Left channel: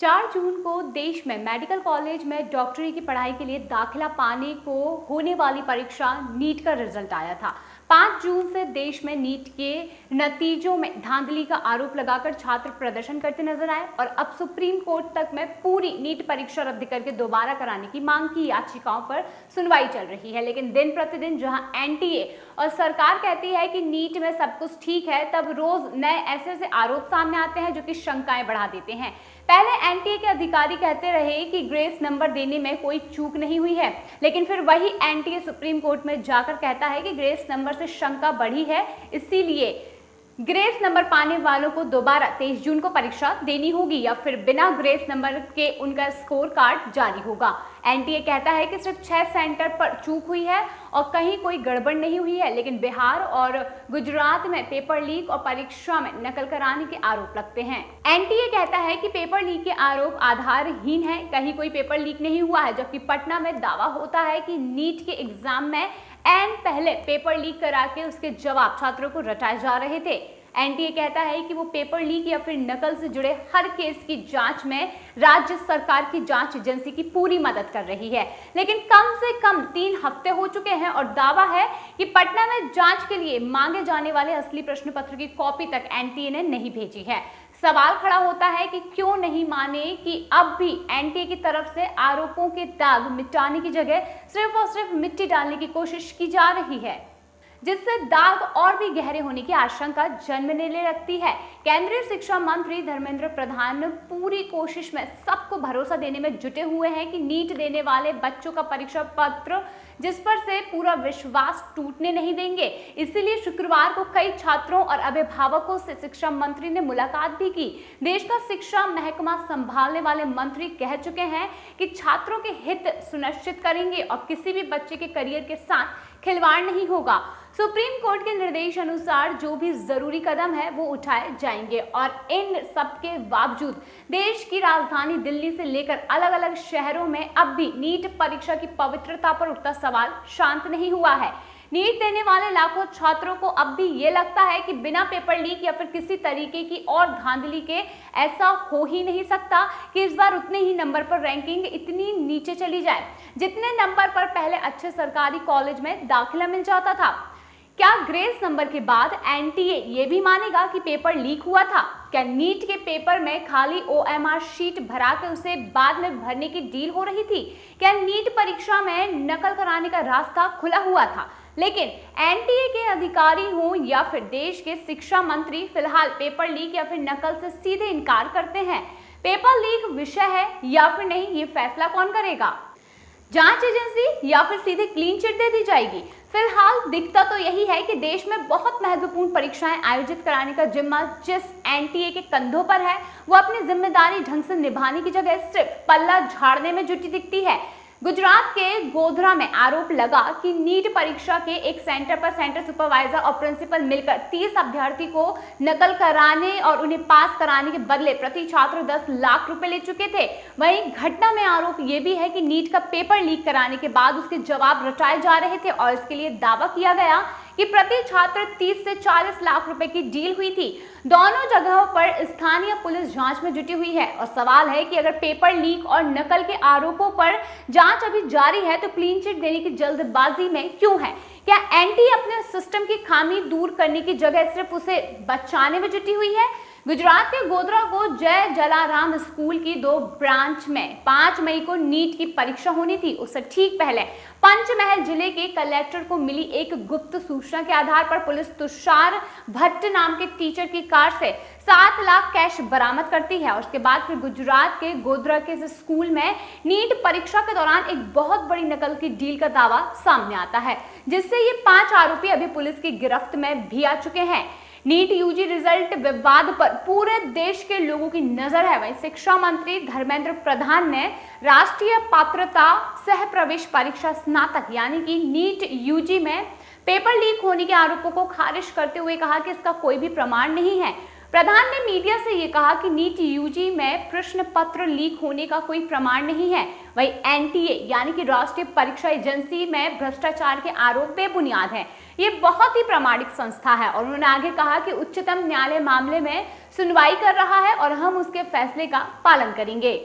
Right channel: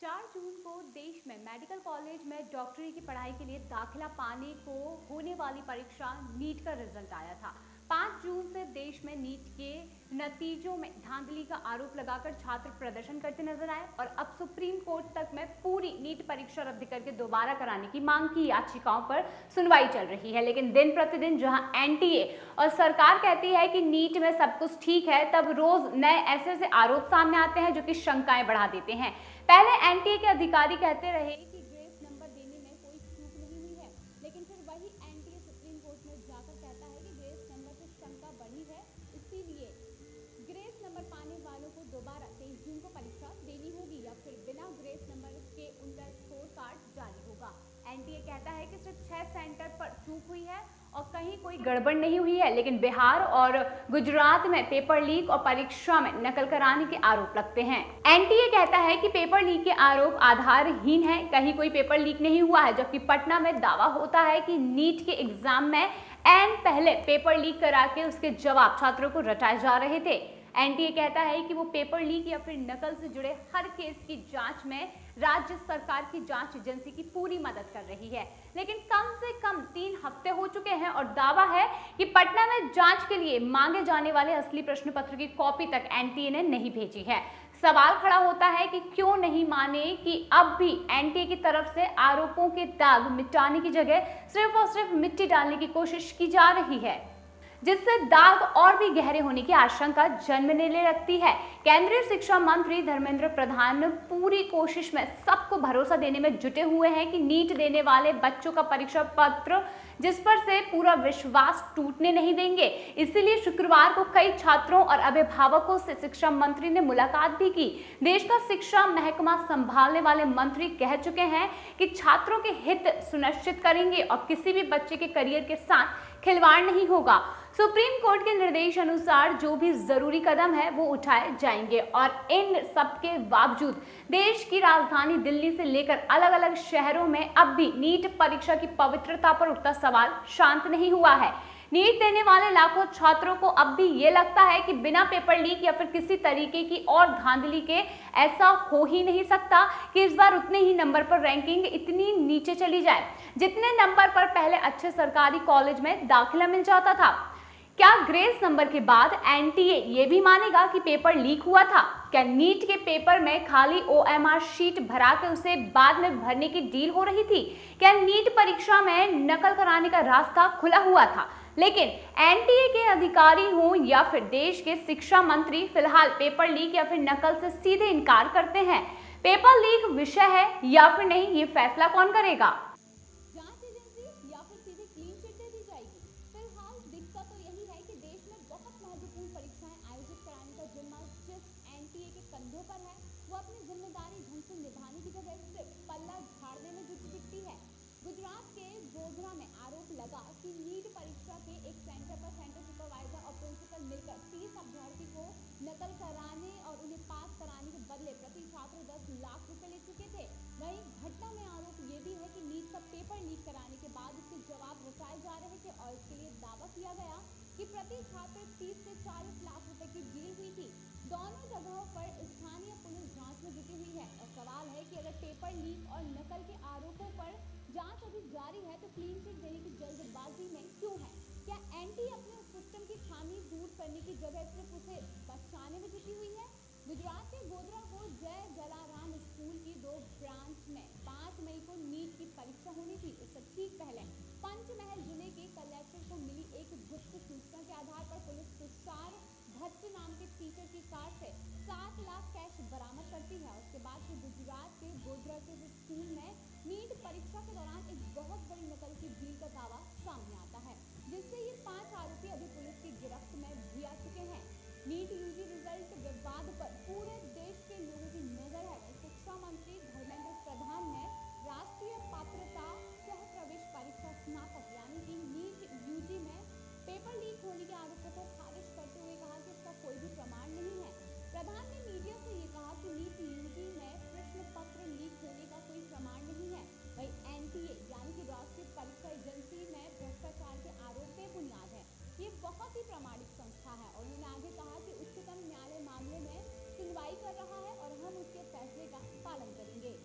4 जून को देश में मेडिकल कॉलेज में डॉक्टरी की पढ़ाई के लिए दाखिला पाने को होने वाली परीक्षा नीट का रिजल्ट आया था। 5 जून से देश में नीट के नतीजों में धांधली का आरोप लगाकर छात्र प्रदर्शन करते नजर आए और अब सुप्रीम कोर्ट तक में पूरी नीट परीक्षा रद्द करके दोबारा कराने की मांग की याचिकाओं पर सुनवाई चल रही है। लेकिन दिन प्रतिदिन जहां एनटीए और सरकार कहती है कि नीट में सब कुछ ठीक है, तब रोज नए ऐसे आरोप सामने आते हैं जो कि शंकाएं बढ़ा देते हैं। पहले एनटीए के अधिकारी कहते रहे कि ग्रेस नंबर देने में कोई चूक नहीं हुई है, लेकिन फिर वही एनटीए सुप्रीम कोर्ट में जाकर कहता है कि ग्रेस नंबर से शंका बढ़ी है, इसीलिए ग्रेस नंबर पाने वालों को दोबारा 23 जून को परीक्षा देनी होगी या फिर बिना ग्रेस नंबर के उनका स्कोर कार्ड जारी होगा। एनटीए कहता है कि सिर्फ 6 सेंटर पर चूक हुई है और कहीं कोई गड़बड़ नहीं हुई है, लेकिन बिहार और गुजरात में पेपर लीक और परीक्षा में नकल कराने के आरोप लगते हैं। एनटीए कहता है कि पेपर लीक के आरोप आधारहीन है, कहीं कोई पेपर लीक नहीं हुआ है, जबकि पटना में दावा होता है कि नीट के एग्जाम में पहले पेपर लीक करा के उसके जवाब छात्रों को रटाए जा रहे थे। एनटीए कहता है कि वो पेपर लीक या फिर नकल से जुड़े हर केस की जांच में राज्य सरकार की जांच एजेंसी की पूरी मदद कर रही है, लेकिन कम से कम 3 हफ्ते हो चुके हैं और दावा है कि पटना में जांच के लिए मांगे जाने वाले असली प्रश्न पत्र की कॉपी तक एनटीए ने नहीं भेजी है। सवाल खड़ा होता है कि क्यों नहीं माने कि अब भी एनटीए की तरफ से आरोपों के दाग मिटाने की जगह सिर्फ और सिर्फ मिट्टी डालने की कोशिश की जा रही है, जिससे दाग और भी गहरे होने की आशंका जन्मने ले लगती है। केंद्रीय शिक्षा मंत्री धर्मेंद्र प्रधान पूरी कोशिश में सबको भरोसा देने में जुटे हुए हैं कि नीट देने वाले बच्चों का परीक्षा पत्र जिस पर से पूरा विश्वास टूटने नहीं देंगे। इसीलिए शुक्रवार को कई छात्रों और अभिभावकों से शिक्षा मंत्री ने मुलाकात भी की। देश का शिक्षा महकमा संभालने वाले मंत्री कह चुके हैं कि छात्रों के हित सुनिश्चित करेंगे और किसी भी बच्चे के करियर के साथ खिलवाड़ नहीं होगा। सुप्रीम कोर्ट के निर्देश अनुसार जो भी जरूरी कदम है वो उठाए जाएंगे और इन सब के बावजूद देश की राजधानी दिल्ली से लेकर अलग अलग शहरों में अब भी नीट परीक्षा की पवित्रता पर उठता सवाल शांत नहीं हुआ है। नीट देने वाले लाखों छात्रों को अब भी ये लगता है कि बिना पेपर लीक या फिर किसी तरीके की और धांधली के ऐसा हो ही नहीं सकता कि इस बार उतने ही नंबर पर रैंकिंग इतनी नीचे चली जाए जितने नंबर पर पहले अच्छे सरकारी कॉलेज में दाखिला मिल जाता था। क्या ग्रेस नंबर के बाद एनटीए ये भी मानेगा कि पेपर लीक हुआ था? क्या नीट के पेपर में खाली ओएमआर शीट भरा के उसे बाद में भरने की डील हो रही थी? क्या नीट परीक्षा में नकल कराने का रास्ता खुला हुआ था? लेकिन एनटीए के अधिकारी हों या फिर देश के शिक्षा मंत्री फिलहाल पेपर लीक या फिर नकल से सीधे इनकार करते हैं। पेपर लीक विषय है या फिर नहीं, ये फैसला कौन करेगा? जांच एजेंसी या फिर सीधे क्लीन चिट दे दी जाएगी? फिलहाल दिखता तो यही है कि देश में बहुत महत्वपूर्ण परीक्षाएं आयोजित कराने का जिम्मा जिस एनटीए के कंधों पर है, वो अपनी जिम्मेदारी ढंग से निभाने की जगह सिर्फ पल्ला झाड़ने में जुटी दिखती है। गुजरात के गोधरा में आरोप लगा कि नीट परीक्षा के एक सेंटर पर सेंटर सुपरवाइजर और प्रिंसिपल मिलकर 30 अभ्यर्थी को नकल कराने और उन्हें पास कराने के बदले प्रति छात्र 10 लाख रुपए ले चुके थे। वहीं घटना में आरोप यह भी है कि नीट का पेपर लीक कराने के बाद उसके जवाब रटाए जा रहे थे और इसके लिए दावा किया गया कि प्रति छात्र 30 से 40 लाख रुपए की डील हुई थी। दोनों जगहों पर स्थानीय पुलिस जांच में जुटी हुई है और सवाल है कि अगर पेपर लीक और नकल के आरोपों पर जांच अभी जारी है तो क्लीन चिट देने की जल्दबाजी में क्यों है? क्या एनटीए अपने सिस्टम की खामी दूर करने की जगह सिर्फ उसे बचाने में जुटी हुई है? गुजरात के गोधरा को जय जलाराम स्कूल की 2 ब्रांच में 5 मई को नीट की परीक्षा होनी थी। उससे ठीक पहले पंचमहल जिले के कलेक्टर को मिली एक गुप्त सूचना के आधार पर पुलिस तुषार भट्ट नाम के टीचर की कार से 7 लाख कैश बरामद करती है और उसके बाद फिर गुजरात के गोधरा के स्कूल में नीट परीक्षा के दौरान एक बहुत बड़ी नकल की डील का दावा सामने आता है, जिससे ये 5 आरोपी अभी पुलिस की गिरफ्त में भी आ चुके हैं। नीट यूजी रिजल्ट विवाद पर पूरे देश के लोगों की नजर है। वहीं शिक्षा मंत्री धर्मेंद्र प्रधान ने राष्ट्रीय पात्रता सह प्रवेश परीक्षा स्नातक यानी कि नीट यूजी में पेपर लीक होने के आरोपों को खारिज करते हुए कहा कि इसका कोई भी प्रमाण नहीं है। प्रधान ने मीडिया से ये कहा कि नीट यूजी में प्रश्न पत्र लीक होने का कोई प्रमाण नहीं है। वही एनटीए यानी कि राष्ट्रीय परीक्षा एजेंसी में भ्रष्टाचार के आरोप बेबुनियाद है। ये बहुत ही प्रामाणिक संस्था है और उन्होंने आगे कहा कि उच्चतम न्यायालय मामले में सुनवाई कर रहा है और हम उसके फैसले का पालन करेंगे।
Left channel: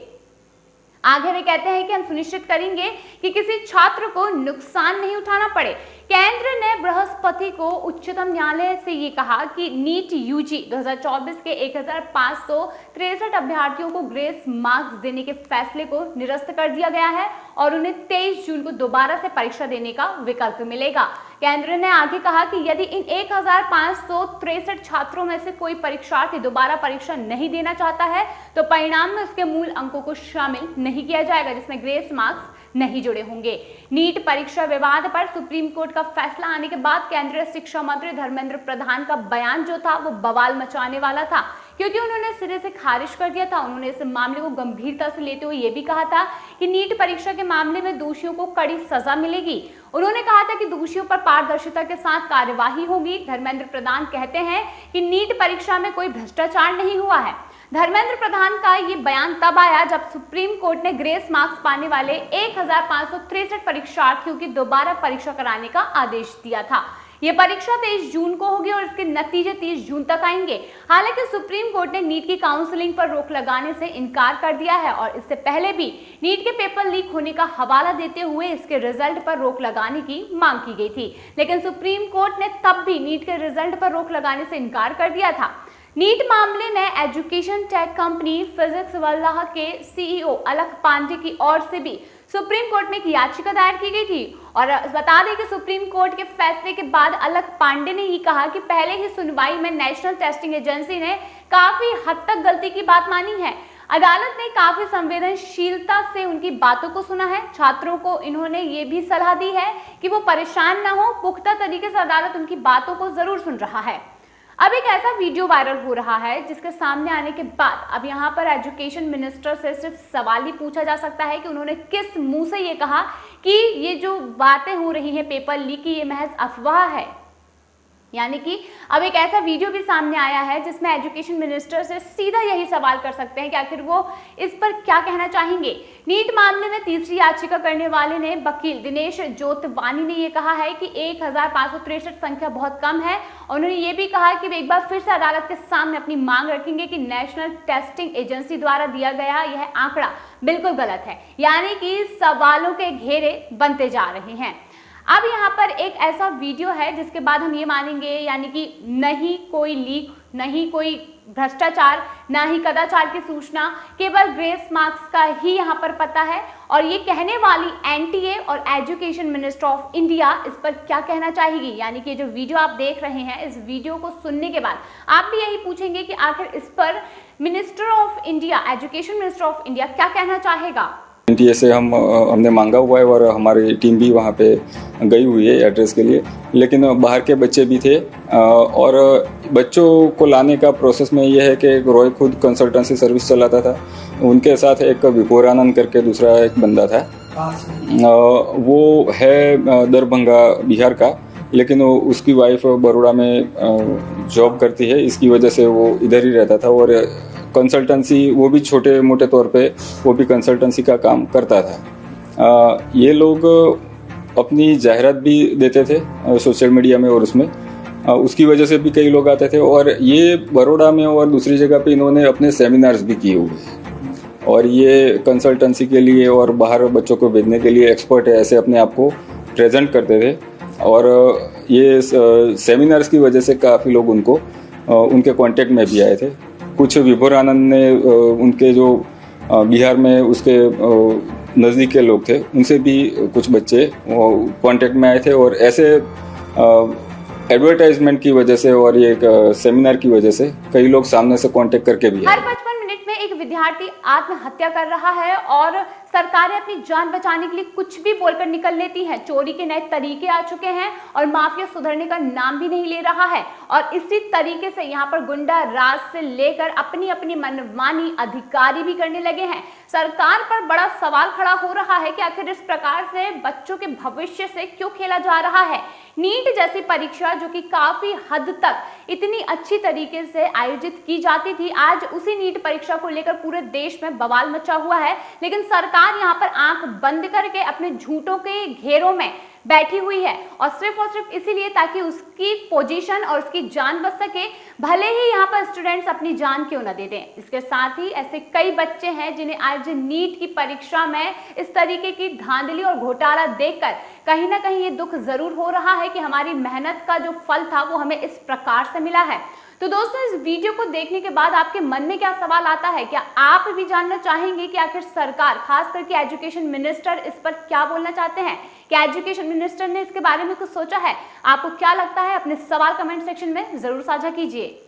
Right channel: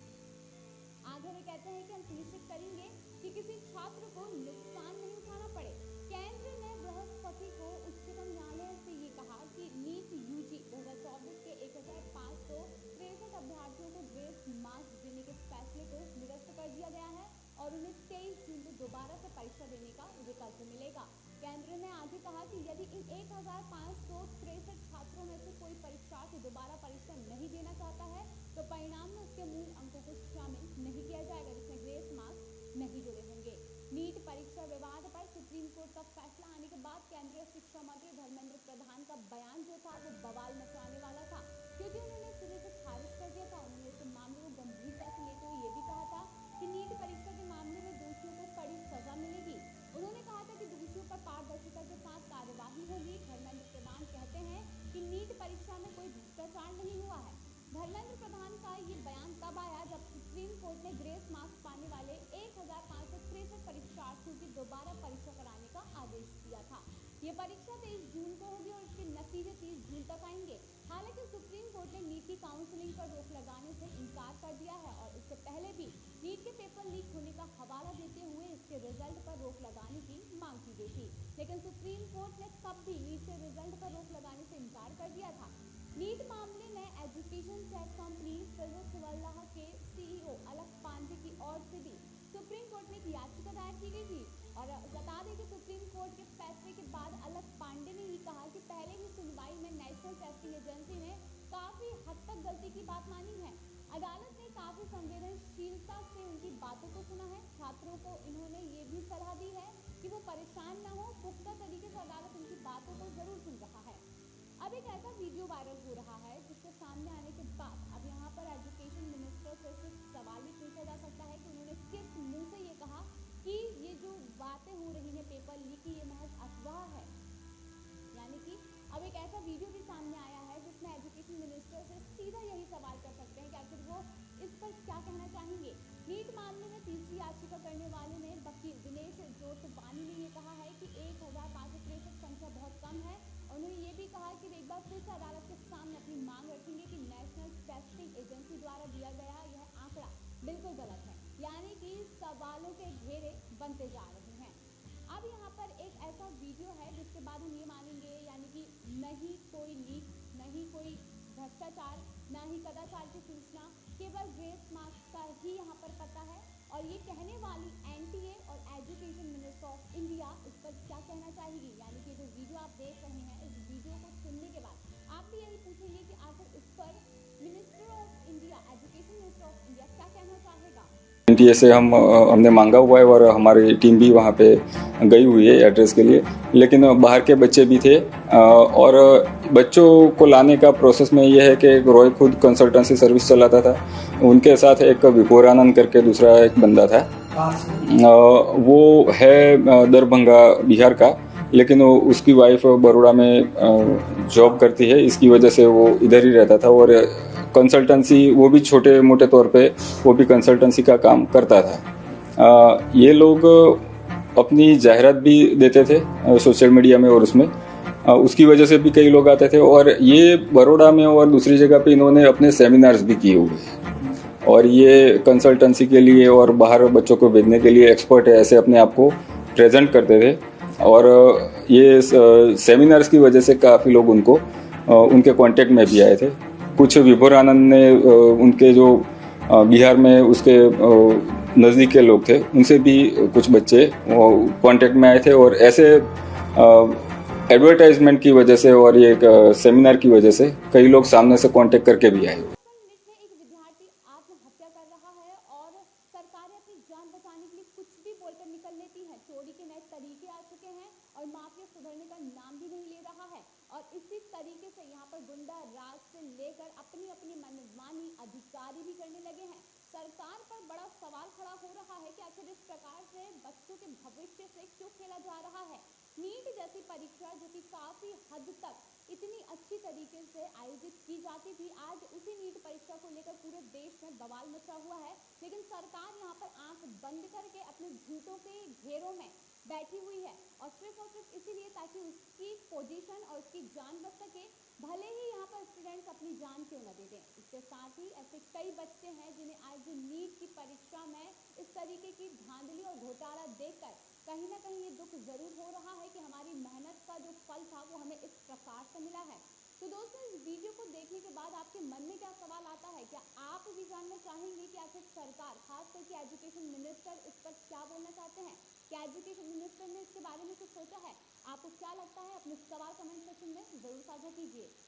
आगे वे कहते हैं कि हम सुनिश्चित करेंगे कि किसी छात्र को नुकसान नहीं उठाना पड़े। केंद्र ने बृहस्पति को उच्चतम न्यायालय से ये कहा कि नीट यूजी 2024 के 1563 अभ्यर्थियों को ग्रेस मार्क्स देने के फैसले को निरस्त कर दिया गया है और उन्हें 23 जून को दोबारा से परीक्षा देने का विकल्प मिलेगा। केंद्र ने आगे कहा कि यदि इन 1563 छात्रों में से कोई परीक्षार्थी दोबारा परीक्षा नहीं देना चाहता है तो परिणाम में उसके मूल अंकों को शामिल नहीं किया जाएगा, जिसमें ग्रेस मार्क्स नहीं जुड़े होंगे। नीट परीक्षा विवाद पर सुप्रीम कोर्ट का फैसला आने के बाद केंद्रीय शिक्षा मंत्री धर्मेंद्र प्रधान का बयान जो था वो बवाल मचाने वाला था, क्योंकि उन्होंने सिरे से खारिज कर दिया था। उन्होंने इस मामले को गंभीरता से लेते हुए ये भी कहा था कि नीट परीक्षा के मामले में दोषियों को कड़ी सजा मिलेगी। उन्होंने कहा था कि दोषियों पर पारदर्शिता के साथ कार्यवाही होगी। धर्मेंद्र प्रधान कहते हैं कि नीट परीक्षा में कोई भ्रष्टाचार नहीं हुआ है। धर्मेंद्र प्रधान का ये बयान तब आया जब सुप्रीम कोर्ट ने ग्रेस मार्क्स पाने वाले 1563 परीक्षार्थियों की दोबारा परीक्षा कराने का आदेश दिया था। ये परीक्षा 23 जून को होगी और इसके नतीजे 30 जून तक आएंगे। हालांकि सुप्रीम कोर्ट ने नीट की काउंसलिंग पर रोक लगाने से इनकार कर दिया है और इससे पहले भी नीट के पेपर लीक होने का हवाला देते हुए इसके रिजल्ट पर रोक लगाने की मांग की गई थी, लेकिन सुप्रीम कोर्ट ने तब भी नीट के रिजल्ट पर रोक लगाने से इनकार कर दिया था। नीट मामले में एजुकेशन टेक कंपनी फिजिक्स वल्लाह के सीईओ अलख पांडे की ओर से भी सुप्रीम कोर्ट में एक याचिका दायर की गई थी और बता दें कि सुप्रीम कोर्ट के फैसले के बाद अलख पांडे ने ही कहा कि पहले ही सुनवाई में नेशनल टेस्टिंग एजेंसी ने काफी हद तक गलती की बात मानी है। अदालत ने काफी संवेदनशीलता से उनकी बातों को सुना है। छात्रों को इन्होंने ये भी सलाह दी है कि वो परेशान न हो। पुख्ता तरीके से अदालत उनकी बातों को जरूर सुन रहा है। अब एक ऐसा वीडियो वायरल हो रहा है जिसके सामने आने के बाद अब यहाँ पर एजुकेशन मिनिस्टर से सिर्फ सवाल ही पूछा जा सकता है कि उन्होंने किस मुंह से ये कहा कि ये जो बातें हो रही हैं पेपर लीक की, ये महज अफवाह है। यानी कि अब एक ऐसा वीडियो भी सामने आया है जिसमें एजुकेशन मिनिस्टर से सीधा यही सवाल कर सकते हैं कि आखिर वो इस पर क्या कहना चाहेंगे। नीट मामले में तीसरी याचिका करने वाले ने वकील दिनेश जोतवानी ने ये कहा है कि 1563 संख्या बहुत कम है और उन्होंने ये भी कहा कि वे एक बार फिर से अदालत के सामने अपनी मांग रखेंगे कि नेशनल टेस्टिंग एजेंसी द्वारा दिया गया यह आंकड़ा बिल्कुल गलत है। यानी कि सवालों के घेरे बनते जा रहे हैं। अब यहाँ पर एक ऐसा वीडियो है जिसके बाद हम ये मानेंगे, यानी कि नहीं कोई लीक, नहीं कोई भ्रष्टाचार, ना ही कदाचार की सूचना, केवल ग्रेस मार्क्स का ही यहाँ पर पता है। और ये कहने वाली एनटीए और एजुकेशन मिनिस्टर ऑफ इंडिया इस पर क्या कहना चाहेगी। यानी कि जो वीडियो आप देख रहे हैं, इस वीडियो को सुनने के बाद आप भी यही पूछेंगे कि आखिर इस पर minister of India, education minister of India क्या कहना चाहेगा। एनटीए से हमने मांगा हुआ है और हमारी टीम भी वहाँ पे गई हुई है एड्रेस के लिए, लेकिन बाहर के बच्चे भी थे और बच्चों को लाने का प्रोसेस में ये है कि रॉय खुद कंसल्टेंसी सर्विस चलाता था, उनके साथ एक विभोर आनंद करके दूसरा एक बंदा था, वो है दरभंगा बिहार का, लेकिन उसकी वाइफ बड़ौदा में जॉब करती है, इसकी वजह से वो इधर ही रहता था और कंसल्टेंसी वो भी छोटे मोटे तौर पे वो भी कंसल्टेंसी का काम करता था। ये लोग अपनी जाहिरात भी देते थे सोशल मीडिया में और उसमें उसकी वजह से भी कई लोग आते थे और ये बड़ौदा में और दूसरी जगह पे इन्होंने अपने सेमिनार्स भी किए हुए और ये कंसल्टेंसी के लिए और बाहर बच्चों को भेजने के लिए एक्सपर्ट है, ऐसे अपने आप को प्रेजेंट करते थे और ये सेमिनार्स की वजह से काफ़ी लोग उनको उनके कांटेक्ट में भी आए थे। कुछ विभोर आनंद ने उनके जो बिहार में उसके नज़दीक के लोग थे उनसे भी कुछ बच्चे कांटेक्ट में आए थे और ऐसे एडवर्टाइजमेंट की वजह से और ये सेमिनार की वजह से कई लोग सामने से कांटेक्ट करके भी आए। 55 मिनट में एक विद्यार्थी आत्महत्या कर रहा है और सरकारें अपनी जान बचाने के लिए कुछ भी बोलकर निकल लेती हैं। चोरी के नए तरीके आ चुके हैं और माफिया सुधरने का नाम भी नहीं ले रहा है और इसी तरीके से यहाँ पर गुंडा राज से लेकर अपनी अपनी मनमानी अधिकारी भी करने लगे हैं। सरकार पर बड़ा सवाल खड़ा हो रहा है कि आखिर इस प्रकार से बच्चों के भविष्य से क्यों खेला जा रहा है। नीट जैसी परीक्षा जो कि काफी हद तक इतनी अच्छी तरीके से आयोजित की जाती थी, आज उसी नीट परीक्षा को लेकर पूरे देश में बवाल मचा हुआ है। लेकिन सरकार यहाँ पर आंख बंद करके अपने झूठों के घेरों में बैठी हुई है और सिर्फ इसीलिए ताकि उसकी पोजीशन और उसकी जान बच सके, भले ही यहाँ पर स्टूडेंट्स अपनी जान क्यों न दे दें। इसके साथ ही ऐसे कई बच्चे हैं जिन्हें आज नीट की परीक्षा में इस तरीके की धांधली और घोटाला देखकर कहीं ना कहीं ये दुख जरूर हो रहा है कि हमारी मेहनत का जो फल था वो हमें इस प्रकार से मिला है। तो दोस्तों, इस वीडियो को देखने के बाद आपके मन में क्या सवाल आता है? क्या आप भी जानना चाहेंगे कि आखिर सरकार, खास करके एजुकेशन मिनिस्टर, इस पर क्या बोलना चाहते हैं? क्या एजुकेशन मिनिस्टर ने इसके बारे में कुछ सोचा है? आपको क्या लगता है? अपने सवाल कमेंट सेक्शन में जरूर साझा कीजिए।